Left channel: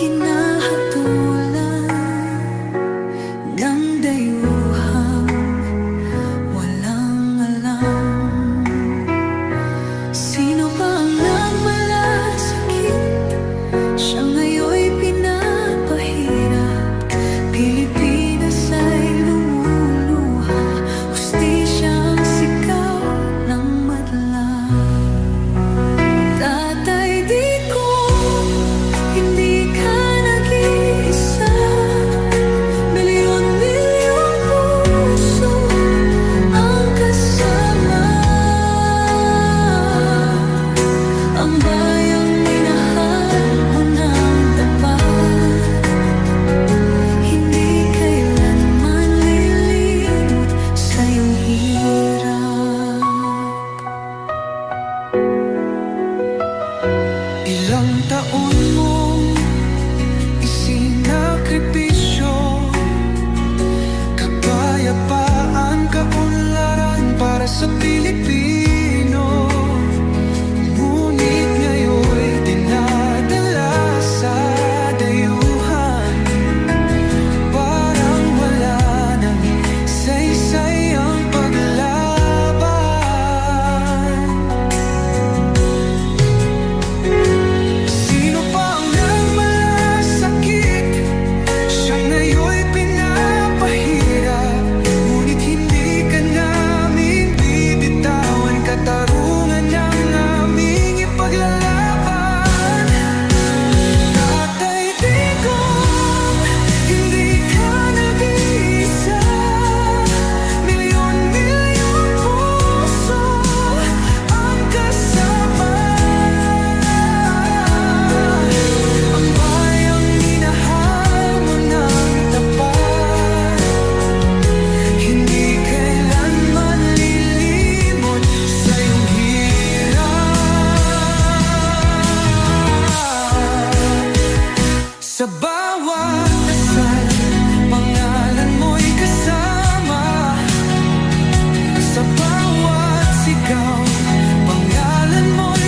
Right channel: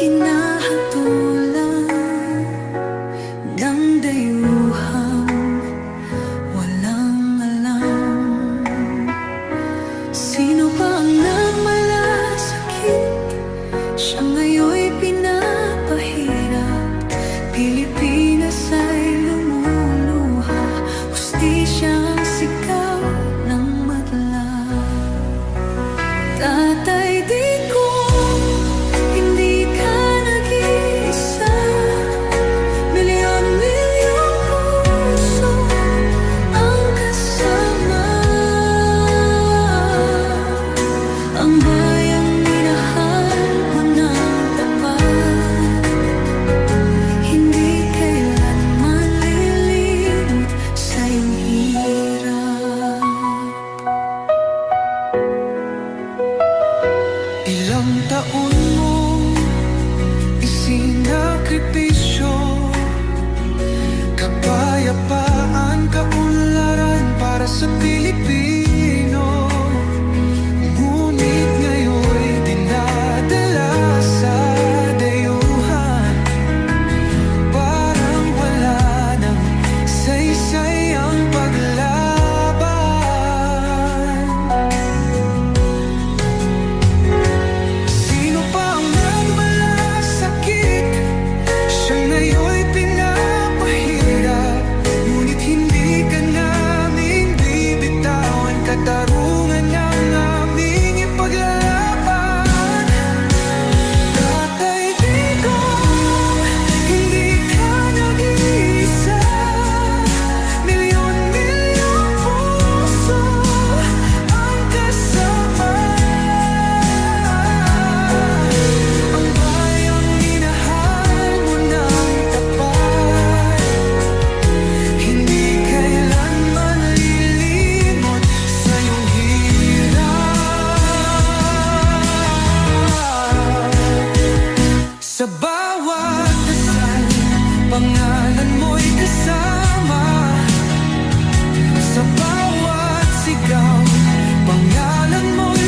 hinahatulan ng dayuhang walang alam. Sino pa ang nagmalasakit? Siya ngayon'y pinapahirap. Pilipinas ay lumuluha, hustisyang sigaw ng madla. Tatay, di ko hindi ka nag-iisa. Milyon-milyong puso ang kasama. Ang bayang minahal mo ng tapat, hindi kailanman lilimot sa iyong hirap. Ilang taon mong isinakripisyo, kapayapaan, kaunlaran para sa Pilipino. Ngunit ngayon'y dinadala sa dayuhan, parang wala nang saysay ang paglaban. Sino pa ang nagmalasakit? Siya ngayon'y pinapahirap. Ngunit hindi ka namin bibitawan, katarungan ng aming ipaglalaban. Tatay Digong, hindi ka nag-iisa. Milyon-milyong puso ang kasama. Ang bayang minahal mo ng tapat, hindi kailanman lilimot sa iyong hirap. Sa bawat dasal, pangalan mo'y kasama. Sa bawat sigaw, pangalan mo'y